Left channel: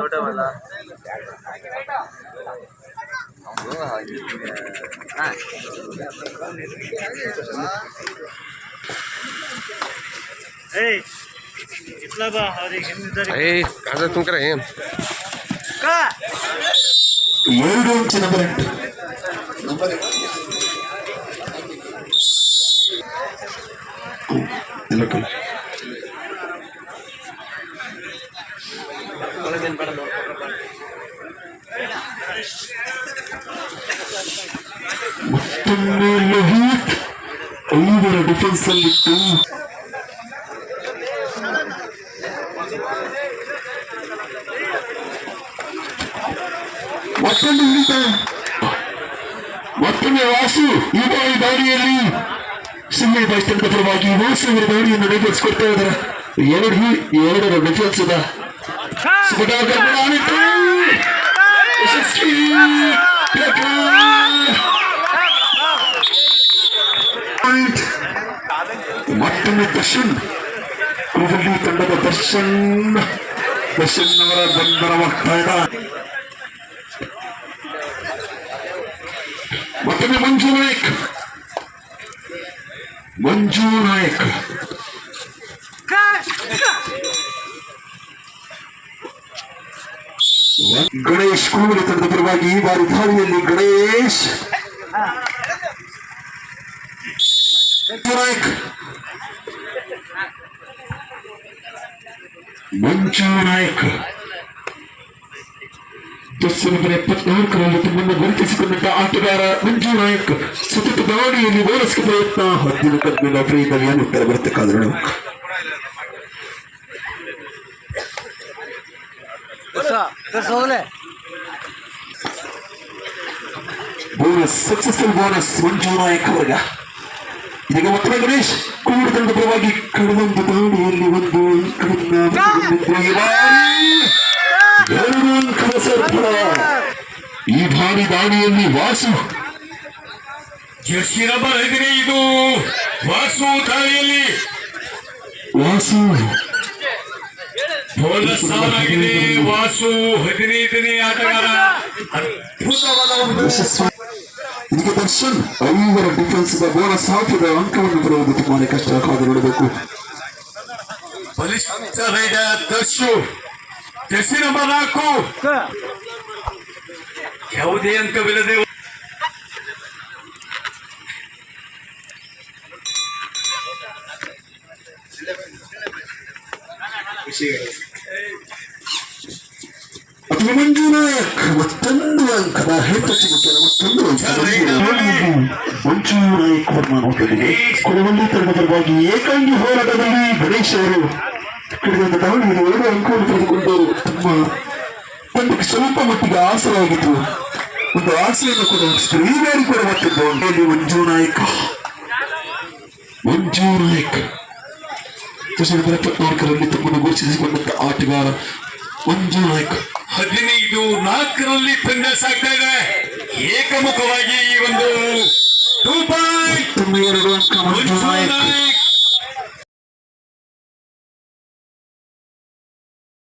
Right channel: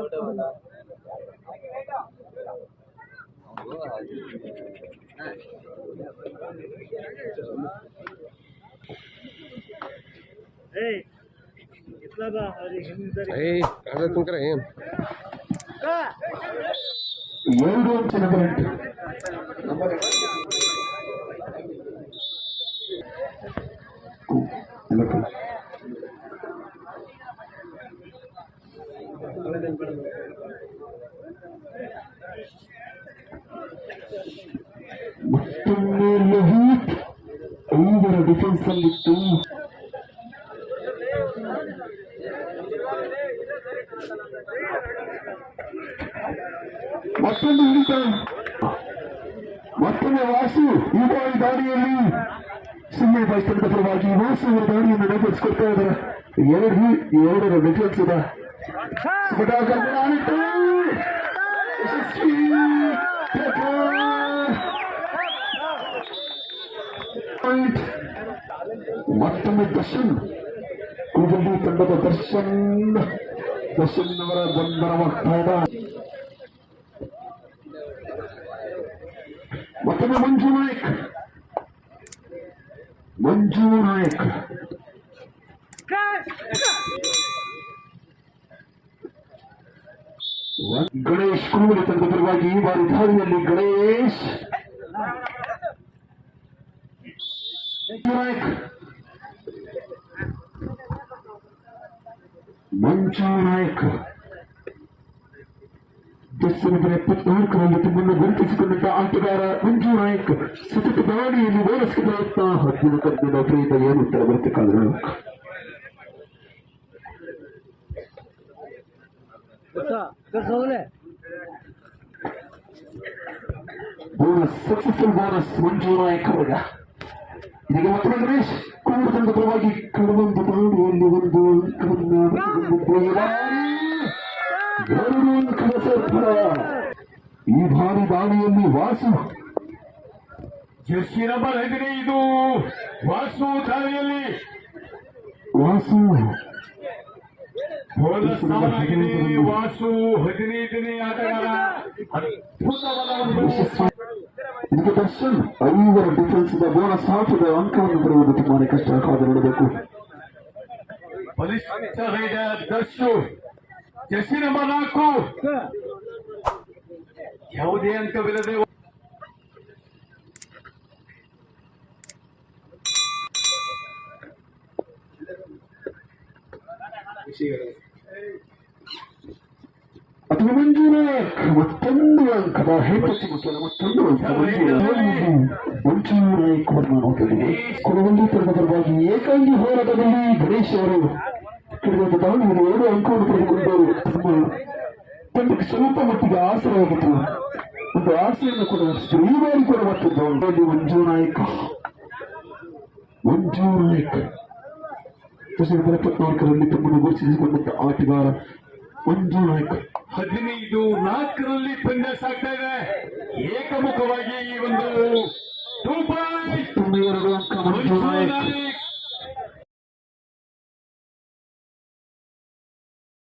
ದೊಡ್ಡವಲ್ಲ ada tungkar ya. Euro number 8. ಮತ್ತೊಮ್ಮೆ ಲೋಹಿತ್ ಐವರ defence ಅಲ್ಲಿತ್ತು. ಮತ್ತೊಂದು ಹಿಡಿತ, ಮತ್ತೊಮ್ಮೆ ವಾಸು ಈ ದಾಳಿಯಲ್ಲಿ ಸುಮ್ಮನೆ ತಂಡದ ಪರವಾಗಿ ವಾಸು ಅವರ ದಾಳಿಯನ್ನು ನೆರವೇರಿಸಿಕೊಡ್ತಾ ಇದ್ದಾರೆ. ಎರಡರ ಡಿಫೆನ್ಸ್ ಇದೆ. ಮತ್ತೊಮ್ಮೆ ದರ್ಶನ್ ಕೂದಲಿ ತಂಡದ ದರ್ಶನ್ ಅವರ ಬಂಧನವಾಗ್ತಾ ಇದೆ. ಮತ್ತೊಮ್ಮೆ ಮಂಜು ನಾಯಕ್ ಗಣೇಶ್ ಕೂದಲಿ ತಂಡದ ಪರವಾಗಿ ಈ ಬಾರಿ ದಾಳಿಯಲ್ಲಿ ಗಣೇಶ್ ಮಂಜು ನಾಯಕ್ ದರ್ಶನದ 74ರಲ್ಲಿ ತಮ್ಮನ್ನು ಗುರುತಿಸಿಕೊಂಡ ಆಟಗಾರ ಮಂಜು ನಾಯಕ್ ಸತತ ದಾಳಿಯಲ್ಲಿ ಓಡಿಸುವ ಪ್ರಯತ್ನ 10 ಕಬ್ಬಿನ ಪ್ರೀತವಿಯನ್ನು ಉತ್ತರ ಬರತಕ್ಕಾದ್ರು ಬೋನಸ್ ಸಕ್ಸಸ್ಫುಲ್ ಬೋನಸ್ ಮಂಜು ನಾಯಕ್ ಅವರ್ಗ. ಇದೀಗ ಮತ್ತೊಮ್ಮೆ ಗಣೇಶ್ ಕೂಡು ತಂಡದ ಪರವಾಗಿ ಕಳೆದೊಂದು ದಾಳಿಯಲ್ಲಿ ಒಂದು ಈ ಬಾರಿ ದಾಳಿಯಲ್ಲಿ ವಾಸು ಜರ್ಸಿ ನಂಬರ್ 15 ವಾಸು ದಾಳಿಯಲ್ಲಿ ವಾಸು ಬೋನಸ್ ಆಗಿದೆ. ವಾಸು 15ನೇ ಆಟಗಾರ. ಇದಕ್ಕೆ ದರ್ಶನ್ ಐವರ ಡಿಫೆನ್ಸ್ ಬೋನಸ್ ಹಾಕಿದ ಅಂಕವನ್ನು ಬರುವುದು ತುಂಬಾನೇ ಕಷ್ಟ. ಕಾದು ನೋಡಬೇಕು. ಬಲಿಷ್ಠ ರೈಡರ್ ದರ್ಶು ಜರ್ಸಿ ನಂಬರ್ 4 ಯಾವುದೇ ಅಂಕವಿಲ್ಲದೆ ಮಂಜು ನಾಯಕ್ ಮತ್ತೊಂದು ಅಂಕದ ಹೆಟ್ಟುತ್ತಿರುತ್ತಾರೆ. ಮತ್ತೊಂದು ಮಂಜು ನಾಯಕ್ ನೋಡುತ್ತಿದೆ. ಕೊನೆಯಲ್ಲಿ ತಂಡದ ಪರವಾಗಿ ಏಕಾಂಗಿ ಹೋರಾಟದಲ್ಲಿ ಗಣೇಶ್ ಅವರು ಕಳೆದ ದಾಳಿಯಲ್ಲಿ 2 ಅಂಕವನ್ನು ಪಡೆದುಕೊಂಡರು. ತಮ್ಮ ತಂಡಕ್ಕೆ ಸ್ವಲ್ಪ ಮಟ್ಟಿಗೆ ಆಸರಾಗಿತ್ತು. ಒಂದು ಆಸೆಯನ್ನು ಕೂಡ ಹೊರಿಸಿದರು. ಈ ಬಾರಿ ಕೂಡ ಮತ್ತೊಂದು ಮಂಜು ನಾಯಕ್ 74ರಲ್ಲಿ ತಮ್ಮನ್ನು ಘೋಷಿಸಿಕೊಂಡಂತ ಆಟಗಾರ ಮಂಜು ನಾಯಕ್ 15-4ರಲ್ಲಿ ತಂಡ ಸಾಗ್ತಾ ಇದೆ. ಏಕಮುಖವಾಗಿ ಈ ಒಂದು 2 ಪಾಯಿಂಟ್ ಮತ್ತೊಮ್ಮೆ 2 ಅಂಕ ಮಂಜು ನಾಯಕ್.